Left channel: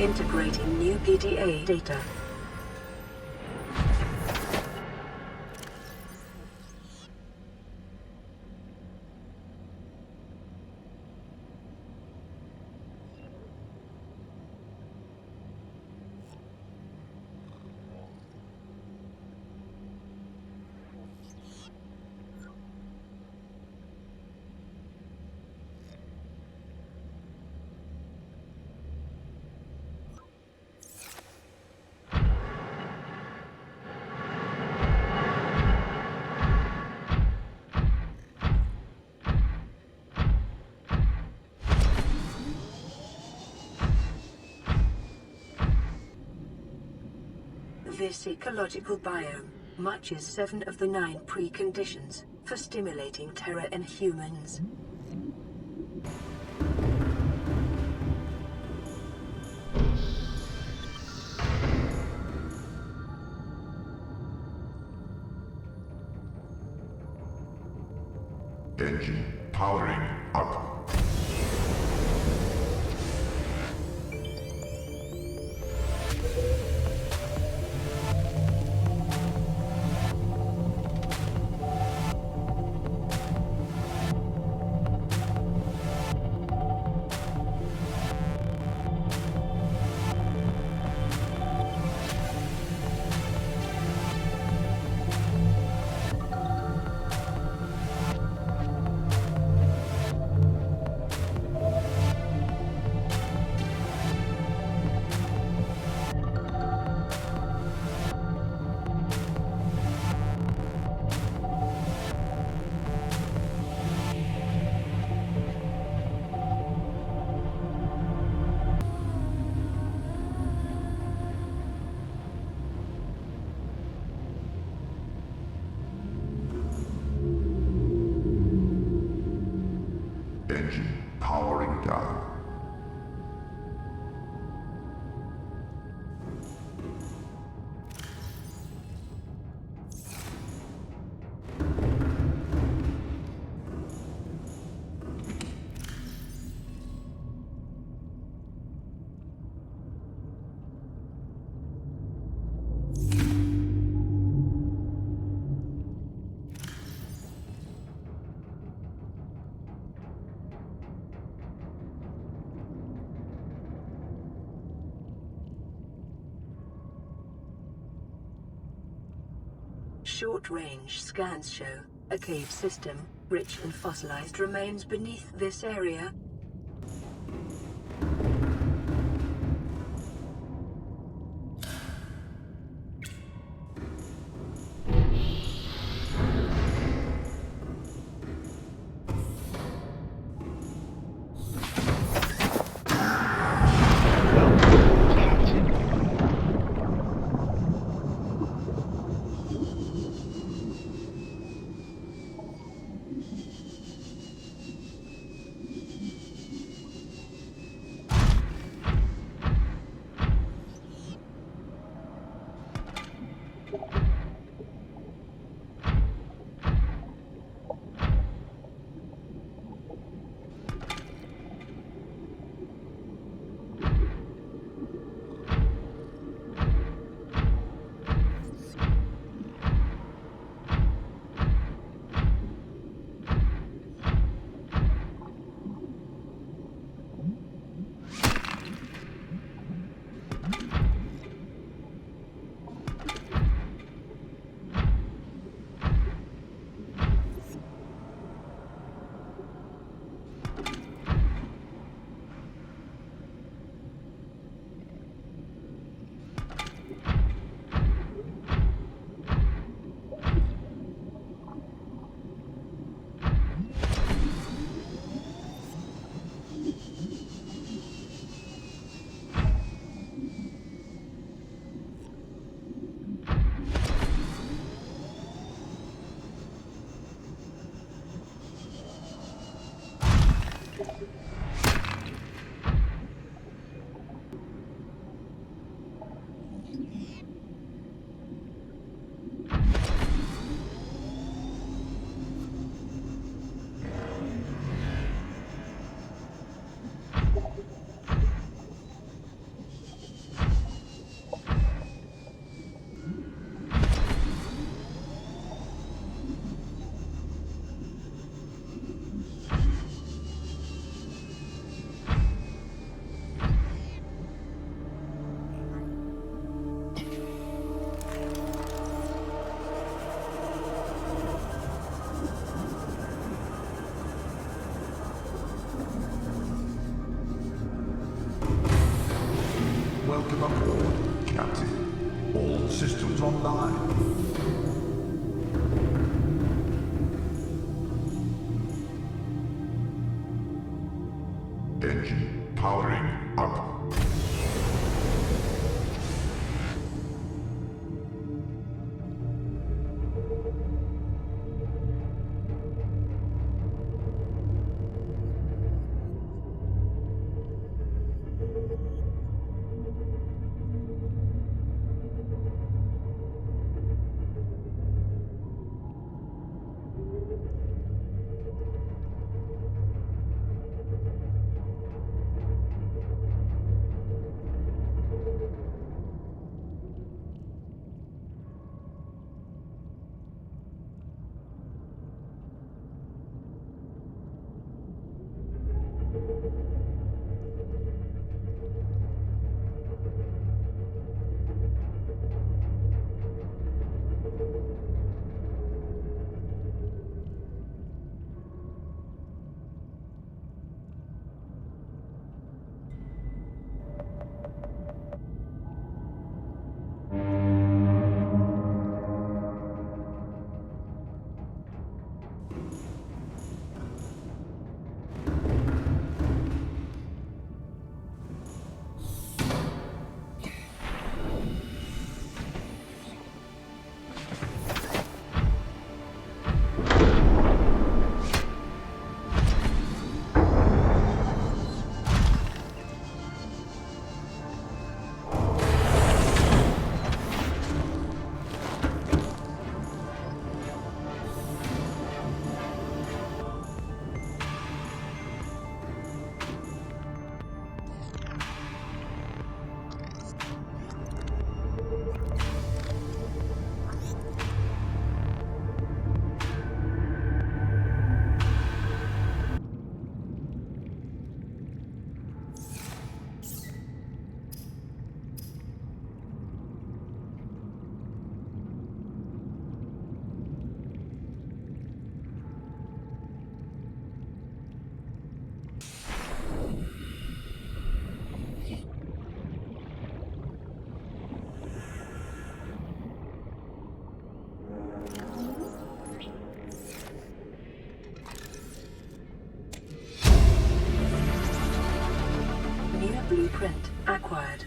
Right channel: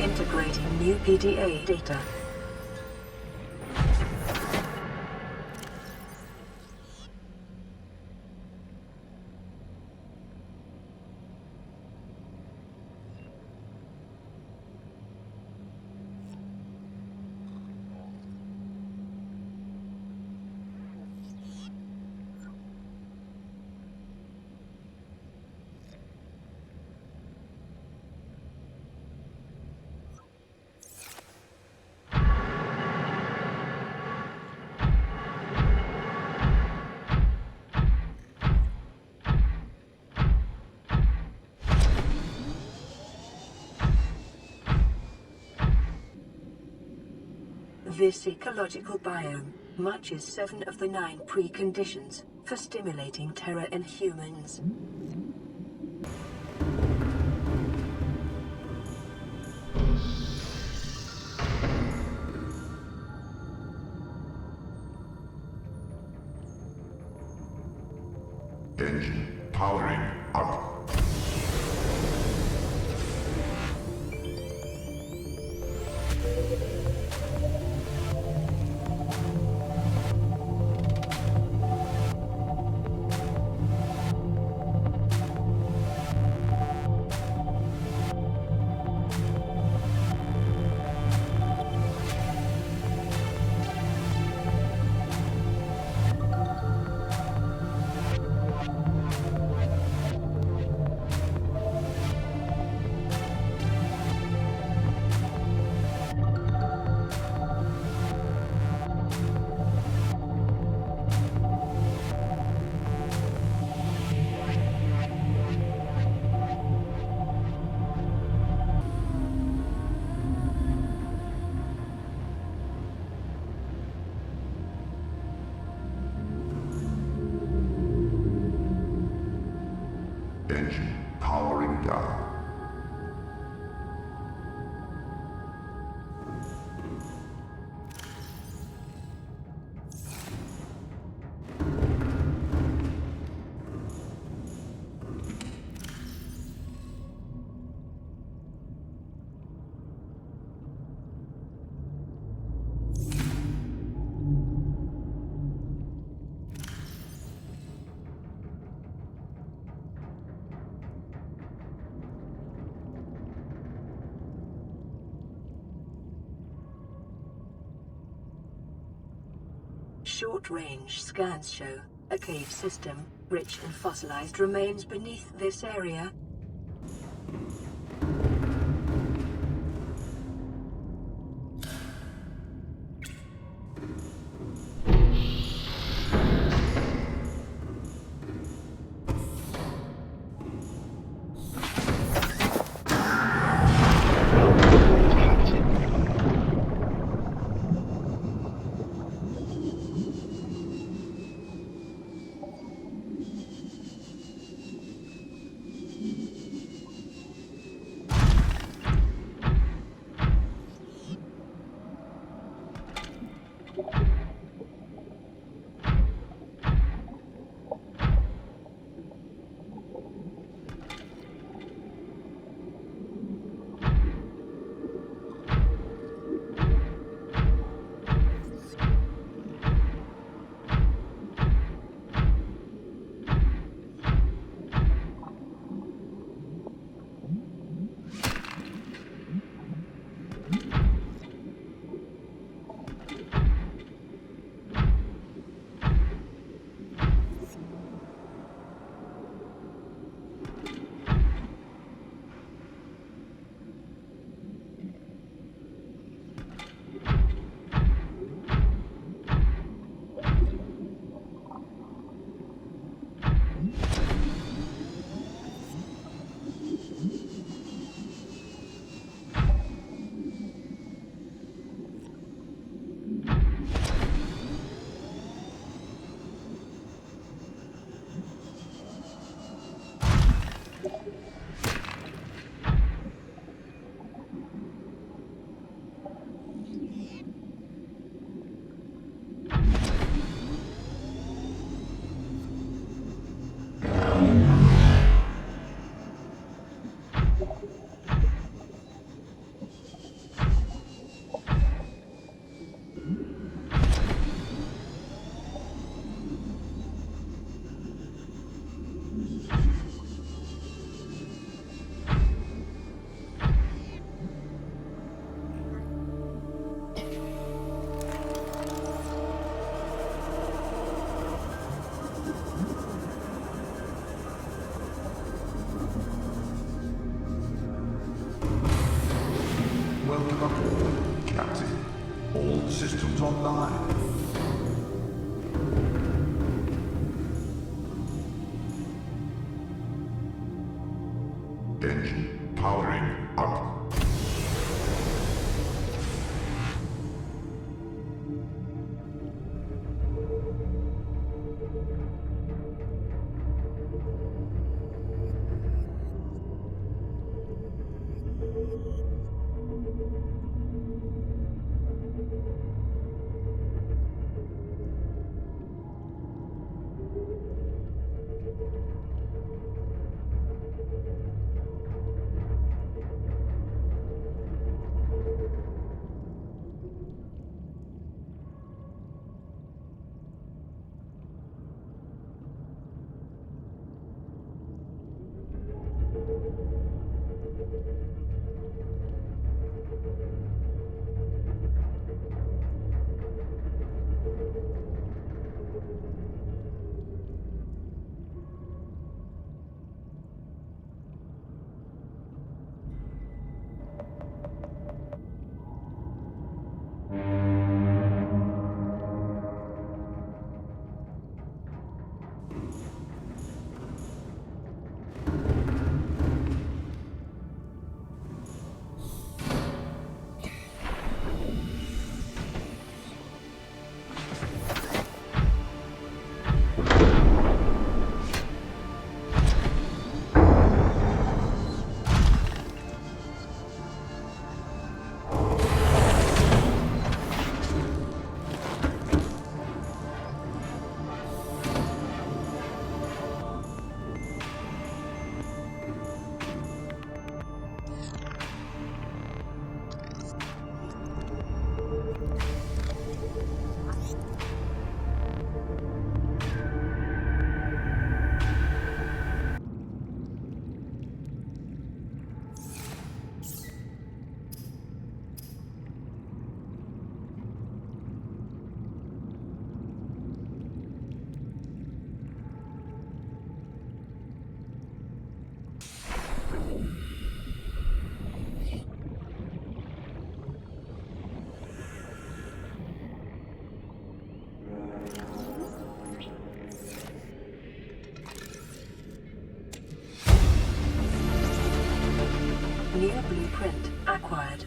Integrating new PDA data. This ecological biome matches 7 of the 9 preconditions for stimulating terror in humans. Engine powering up. Engine powering down. Short-range scans show a cave system, rich in fossilized remains beneath this area. Welcome aboard, Captain. All systems online. Engine powering up. New blueprint acquired.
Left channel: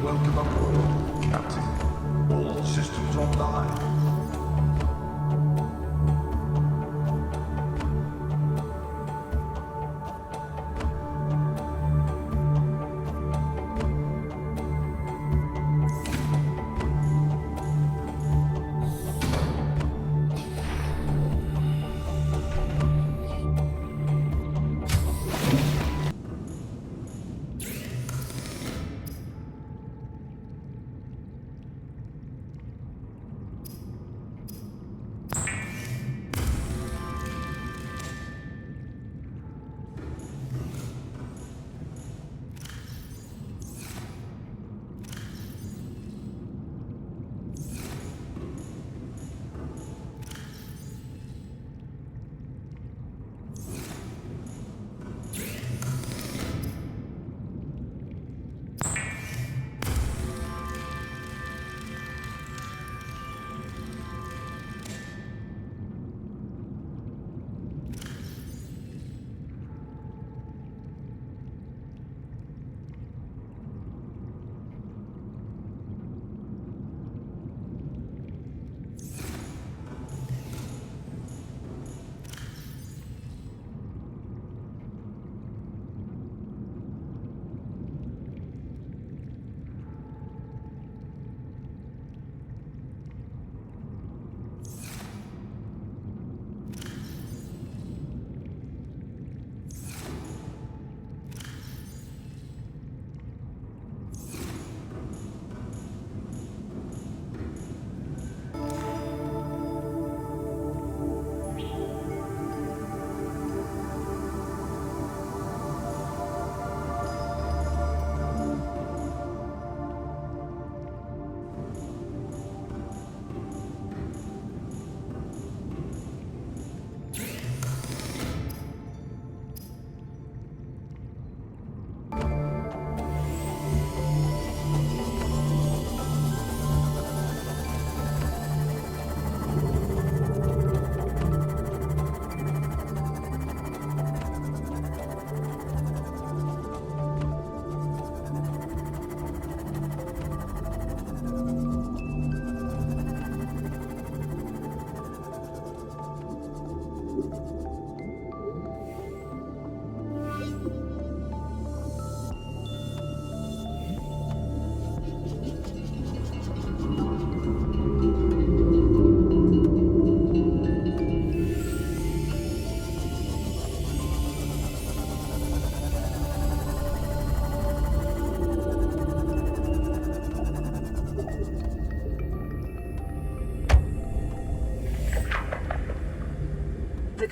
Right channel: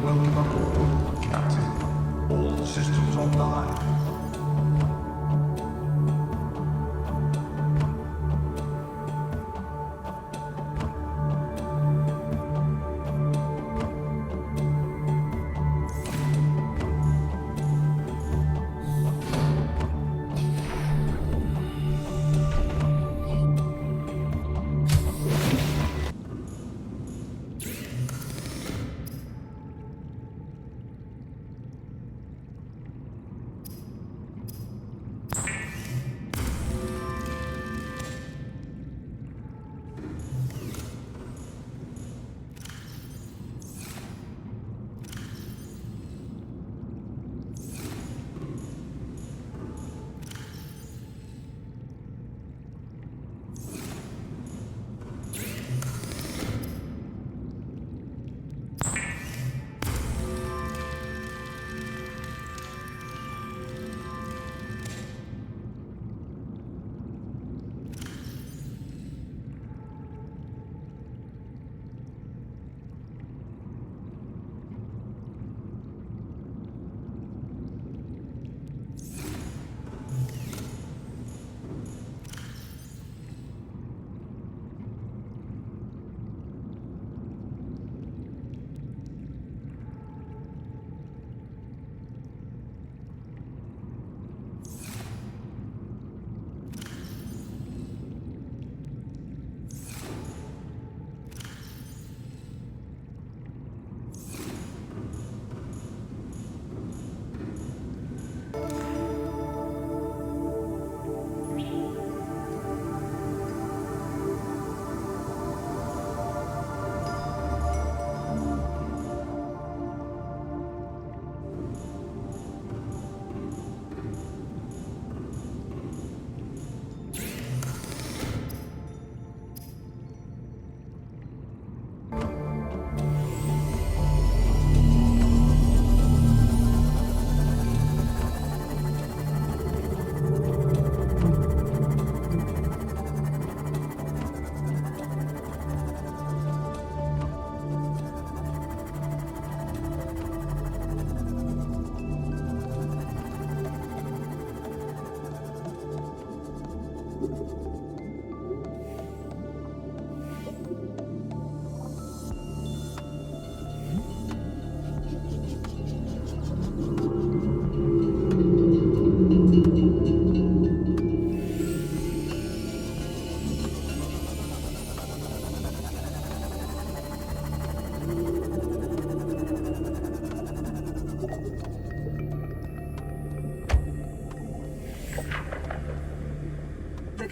Welcome aboard, Captain. All systems online.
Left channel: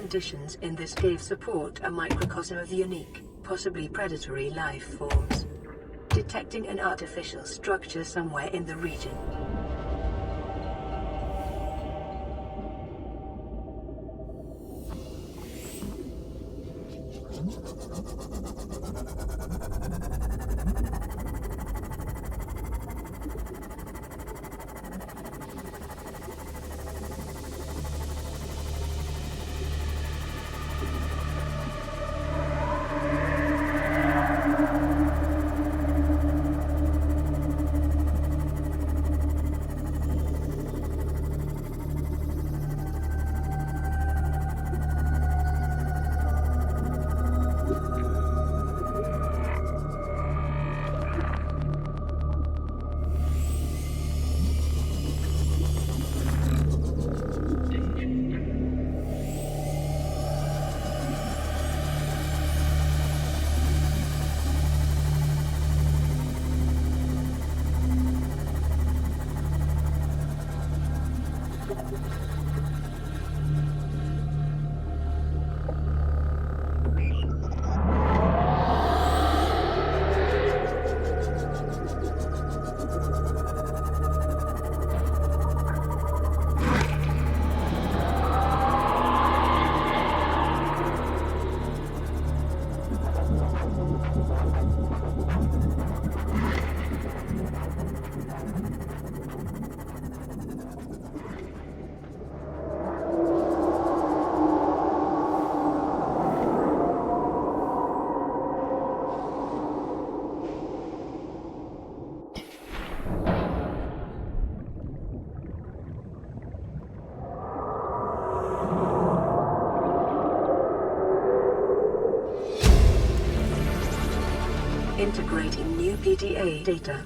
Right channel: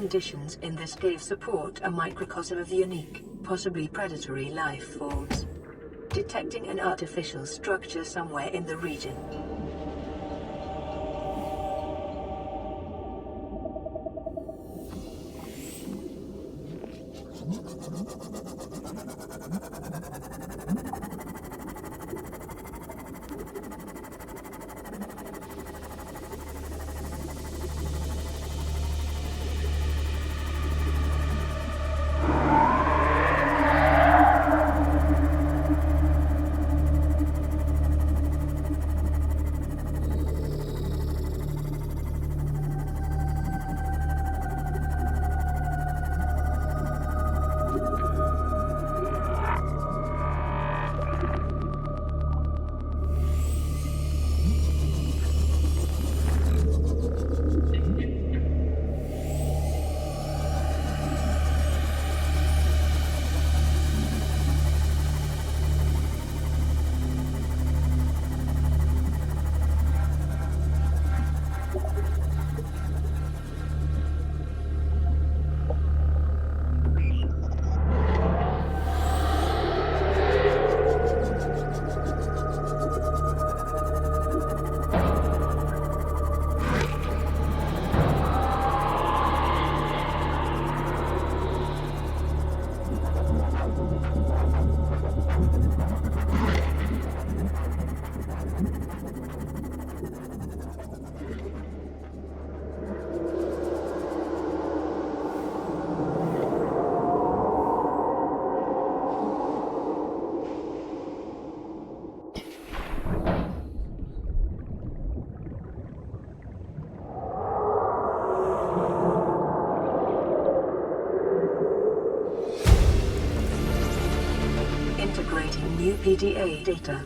conditions in this cave support a microcosm of unique, possibly predatory life forms. Detecting an artificial structure somewhere in the region. Integrating new PDA data.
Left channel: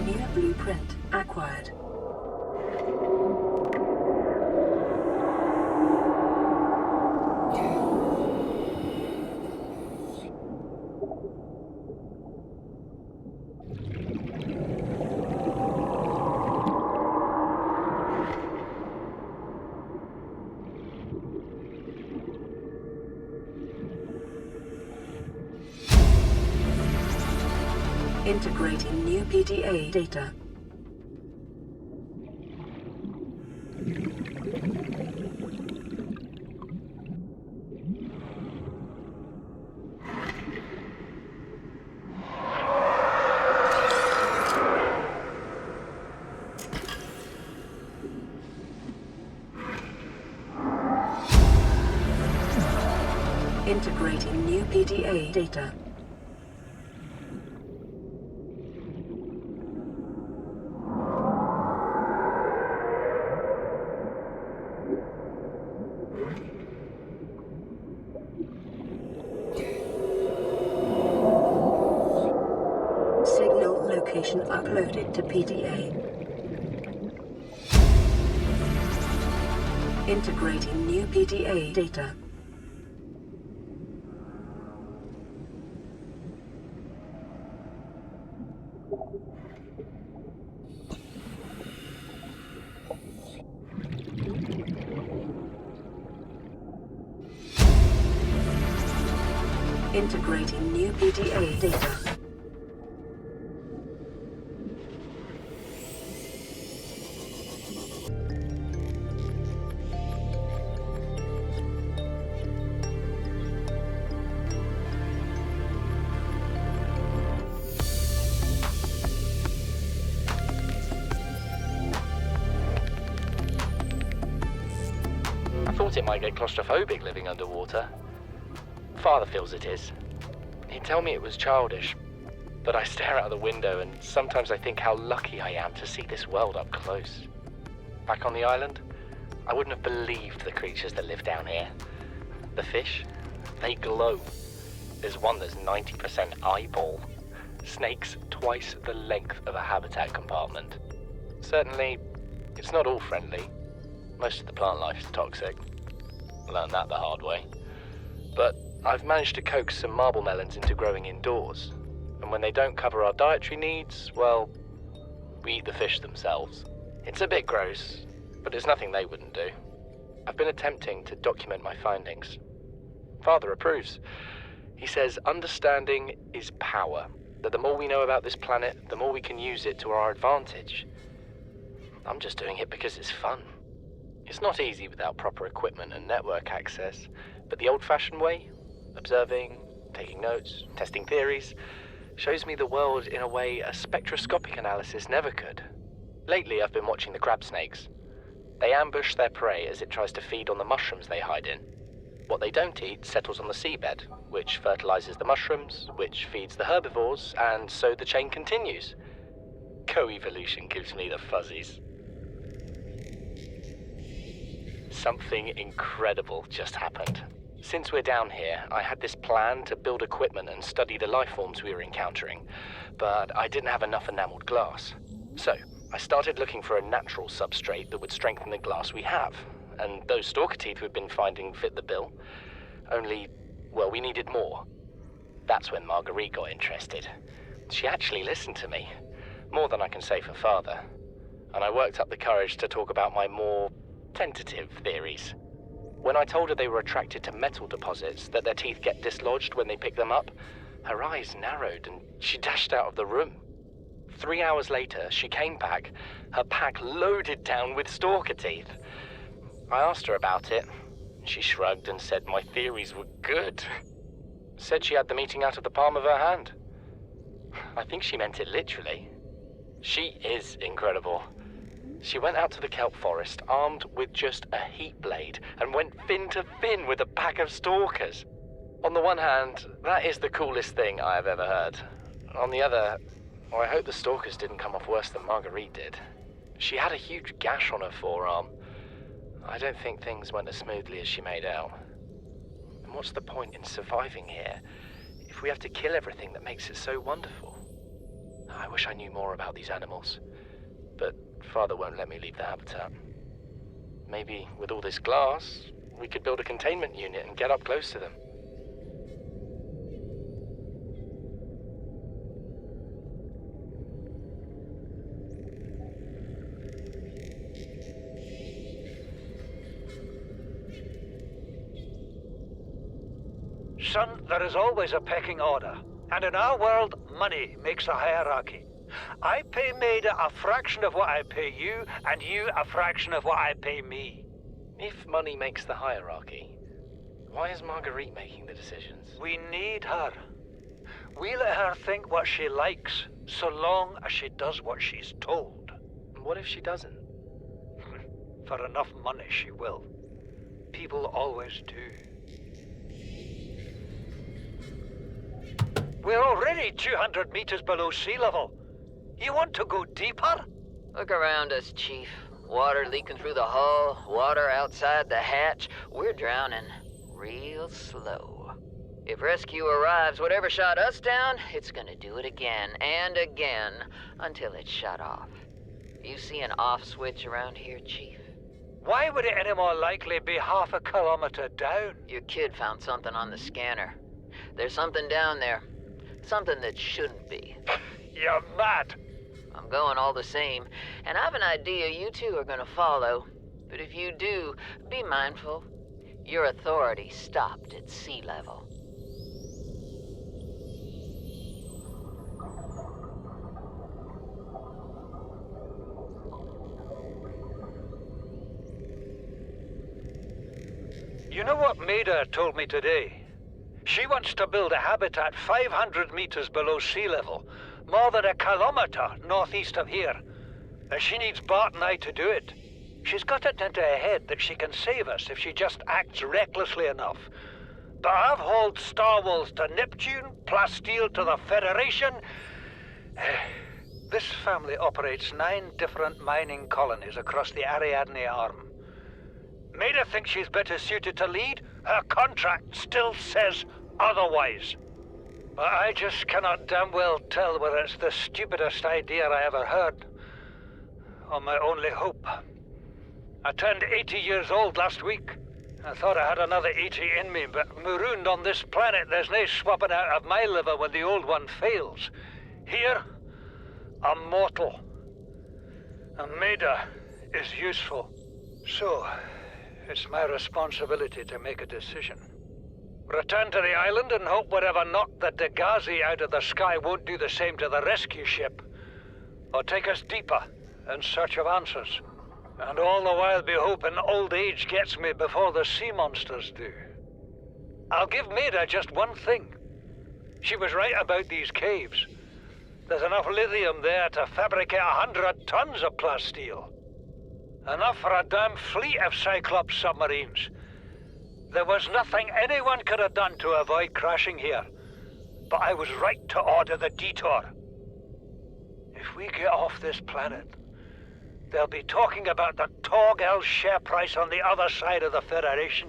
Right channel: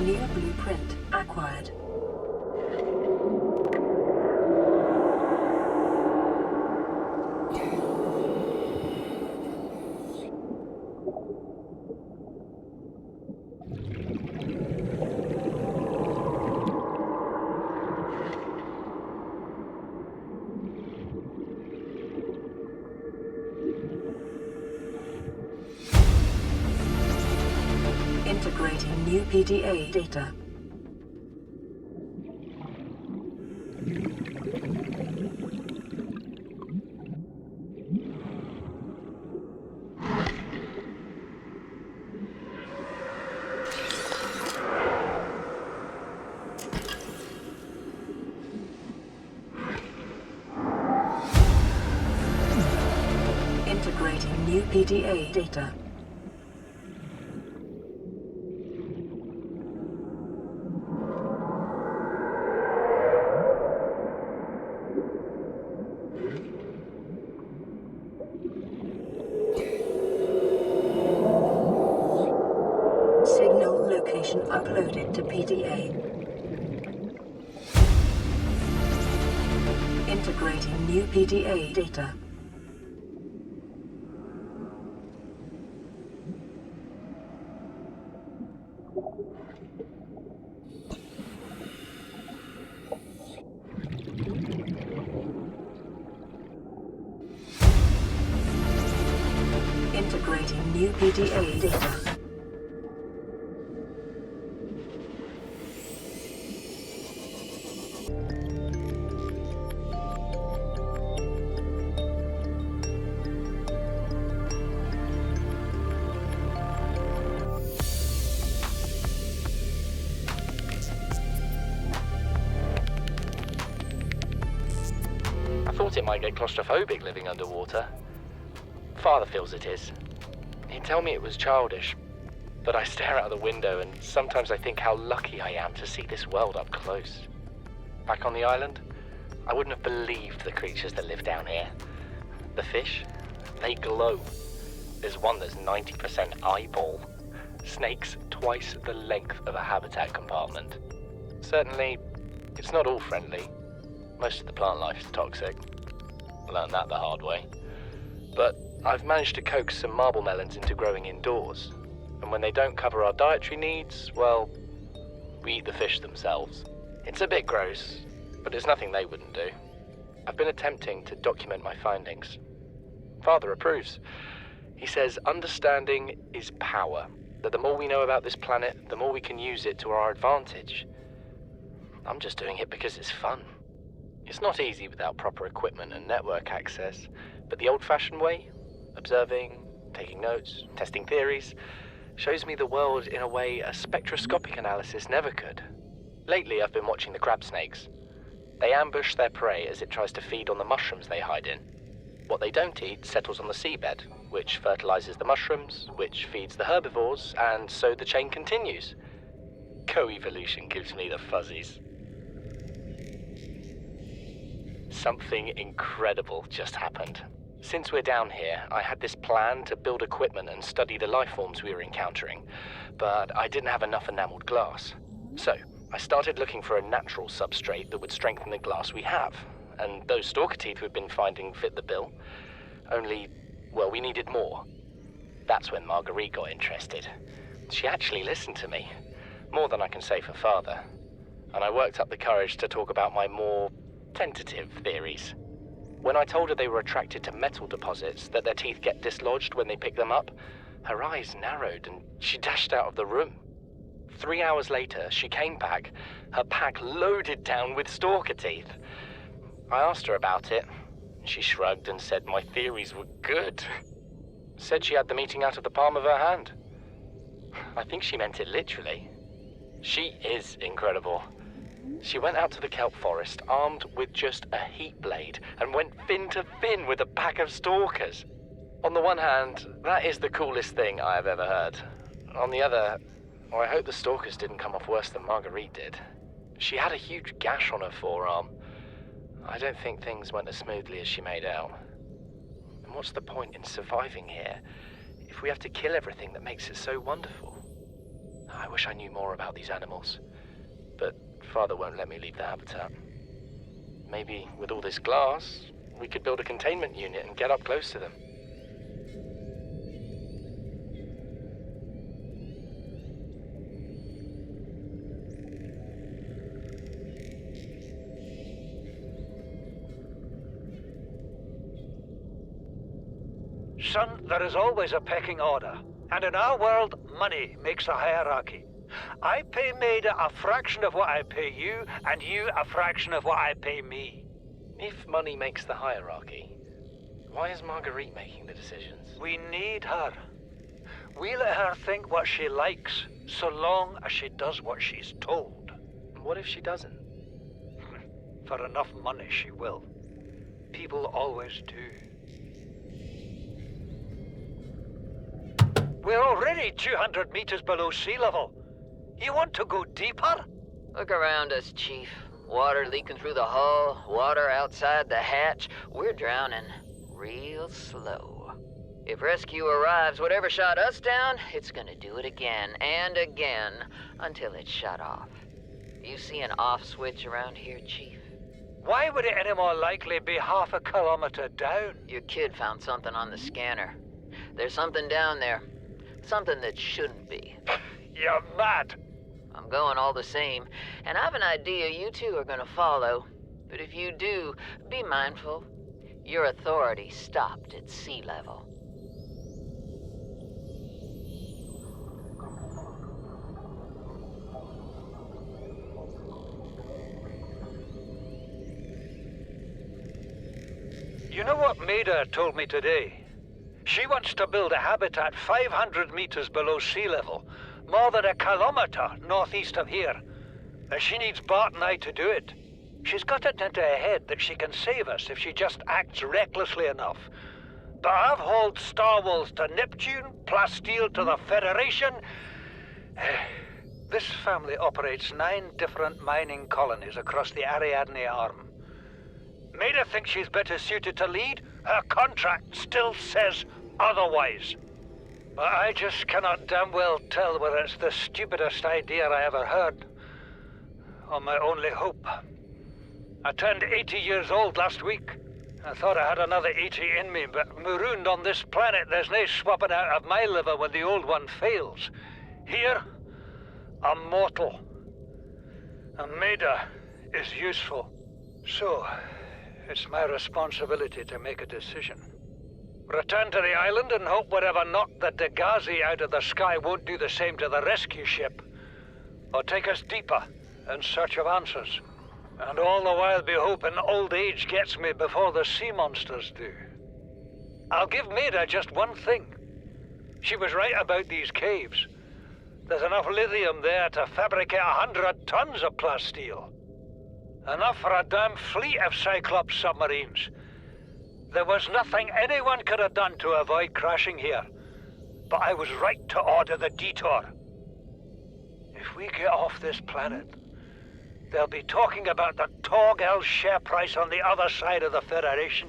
New blueprint acquired. Integrating new PDA data. Integrating new PDA data. Signal location uploaded to PDA. Integrating new PDA data. Integrating new PDA data. I thought it might get claustrophobic living underwater. Father feels it is. He'd tell me it was childish, but I stare out the window and sometimes I think how lucky I am to see this world up close. Back on the island, I wouldn't have believed the creatures that live down here. The fish, they glow. There's one that's 90% eyeball. Snakes twice the length of a habitat compartment. Certainly, it's not all friendly. Most of the plant life is toxic. Learned that the hard way. But I've managed to coax some marble melons into growing indoors. And when they don't cover our dietary needs, well, we eat the fish themselves. It's a bit gross, but it's nothing they wouldn't do. I've been attempting to document my findings. Father approves. He says understanding is power, that the more we know about this planet, the more we can use it to our advantage. I'm just doing it because it's fun. It's not easy without proper equipment and network access, but the old-fashioned way, observing, taking notes, testing theories, shows me the world in a way a spectroscopic analysis never could. Lately, I've been watching the crab snakes. They ambush their prey as it tries to feed on the mushrooms they hide in. What they don't eat settles on the seabed, which fertilizes the mushrooms, which feeds the herbivores, and so the chain continues. Co-evolution gives me the fuzzies. Something incredible just happened. Since we're down here, I had this plan to build equipment and study the life forms we were encountering, but I didn't have enough enameled glass. So, I started looking for a natural substrate that would strengthen the glass we have, and those stalker teeth we've been finding fit the bill. Only, well, we needed more. That's when Marguerite got interested. She actually listened to me, more than I can say for Father, and I worked up the courage to talk about my more tentative theories. When I told her they were attracted to metal deposits, that their teeth get dislodged when they pick them up, her eyes narrowed and she dashed out of the room. 3 hours later, she came back, her pack loaded down with stalker teeth. I asked her about it. She shrugged and said my theories were good. Said she had the meeting out of the palm of her hand. I think she meant it literally. She is incredible. She went out to the kelp forest armed with just a heat blade and went fin to fin with a pack of stalkers. On the one hand, that is the coolest thing I have ever heard. On the other, I hope the stalkers didn't come off worse than Marguerite did. She had a huge gash on her forearm. I don't think things went as smoothly as she made out. And what's the point in surviving here if we have to kill everything that makes it so wonderful? I wish I knew more about these animals, but Father won't let me leave the habitat. Maybe with all this glass, we could build a containment unit and get up close to them. Son, there is always a pecking order, and in our world, money makes a hierarchy. I pay Maida a fraction of what I pay you, and you a fraction of what I pay me. If money makes the hierarchy, why is Marguerite making the decisions? We need her. We let her think what she likes, so long as she does what she's told. What if she doesn't? For enough money, she will. People always do. We're already 200 meters below sea level. You want to go deeper? Look around us, Chief. Water leaking through the hull, water outside the hatch. We're drowning real slow. If rescue arrives, whatever shot us down, it's gonna do it again and again until it's shut off. You see an off switch around here, Chief? Why would it any more likely be half a kilometer down? Your kid found something on the scanner. There's something down there. Something that shouldn't be. You're mad. I'm going all the same, and I have an idea you two are gonna follow. But if you do, be mindful. Your authority stopped at sea level. You know what Maida told me today? She wants to build a habitat 500 meters below sea level, more than a kilometer northeast of here. And she needs Bart and I to do it. She's got it into her head that she can save us if she just acts recklessly enough. But I've hauled Star Wars to Neptune, Plasteel to the Federation. This family operates 9 different mining colonies across the Ariadne Arm. Maida thinks she's better suited to lead. Her contract still says otherwise. But I just cannot damn well tell whether it's the stupidest idea I ever heard, or my only hope. I turned 80 years old last week, I thought I had another 80 in me, but marooned on this planet, there's no swapping out of my liver when the old one fails. Here, I'm mortal. And Maida is useful. So, it's my responsibility to make a decision. Return to the island and hope whatever knocked the Degasi out of the sky won't do the same to the rescue ship. Or take us deeper in search of answers. And all the while be hoping old age gets me before the sea monsters do. I'll give Maida just one thing. She was right about these caves. There's enough lithium there to fabricate 100 tons of plasteel. Enough for a damn fleet of Cyclops submarines. There was nothing anyone could have done to avoid crashing here. But I was right to order the detour. If we get off this planet, they'll be talking about the Torgal share price on the other side of the Federation.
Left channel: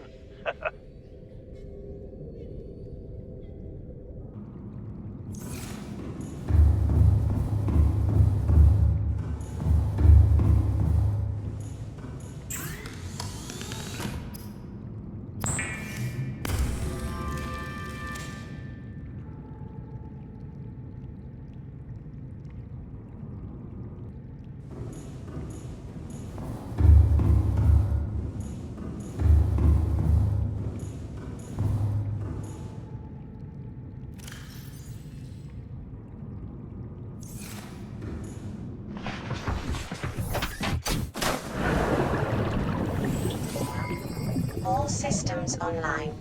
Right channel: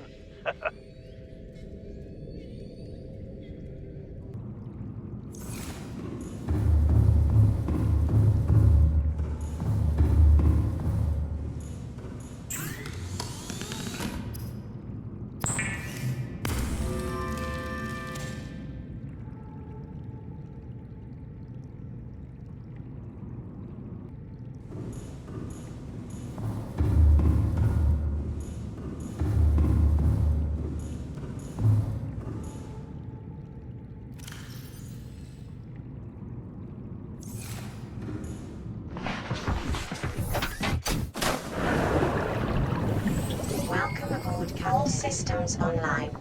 All systems online.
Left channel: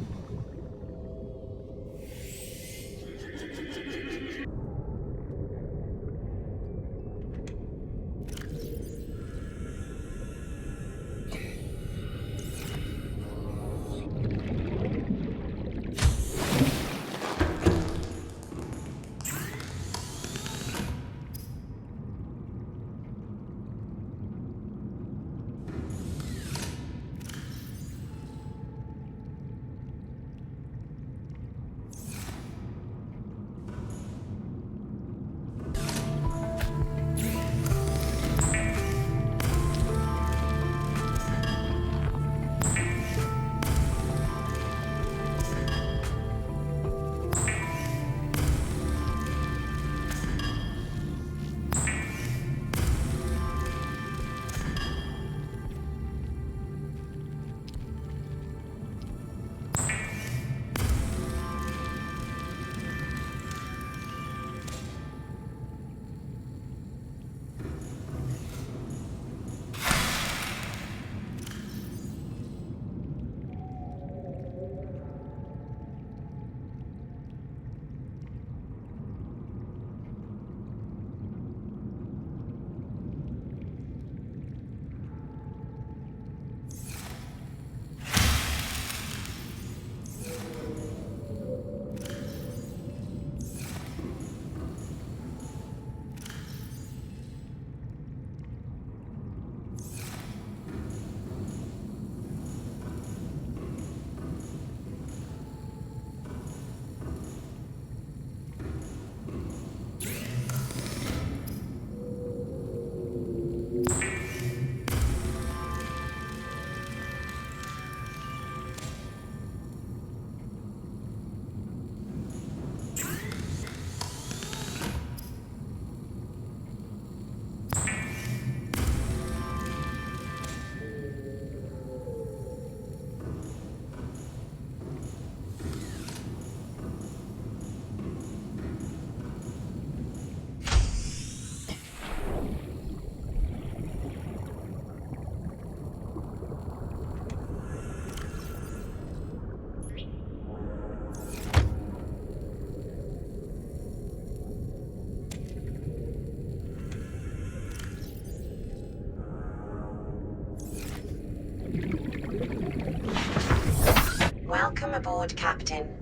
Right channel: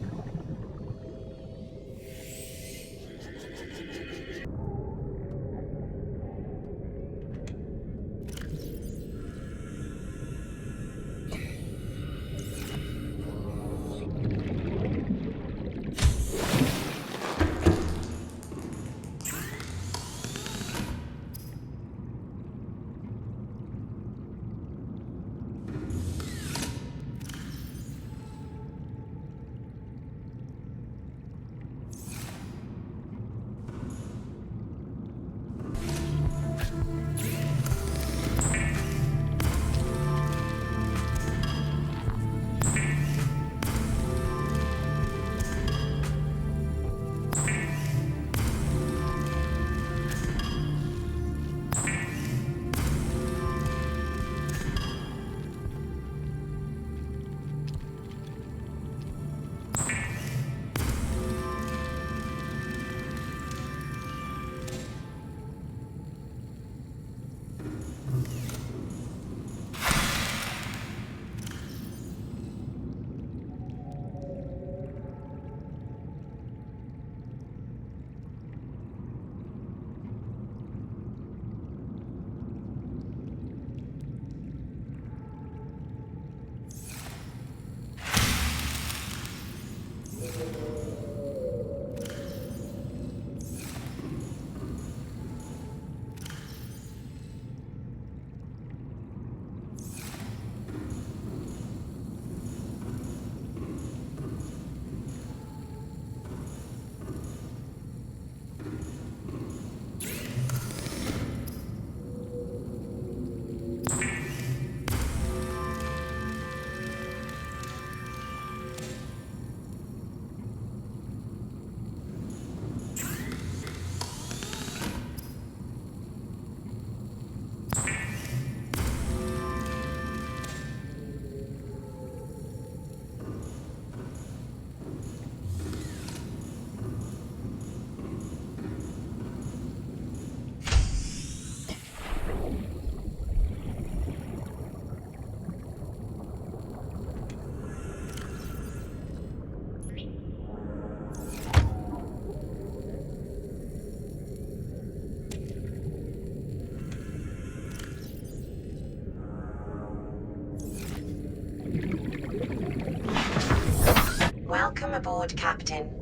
Welcome aboard, Captain.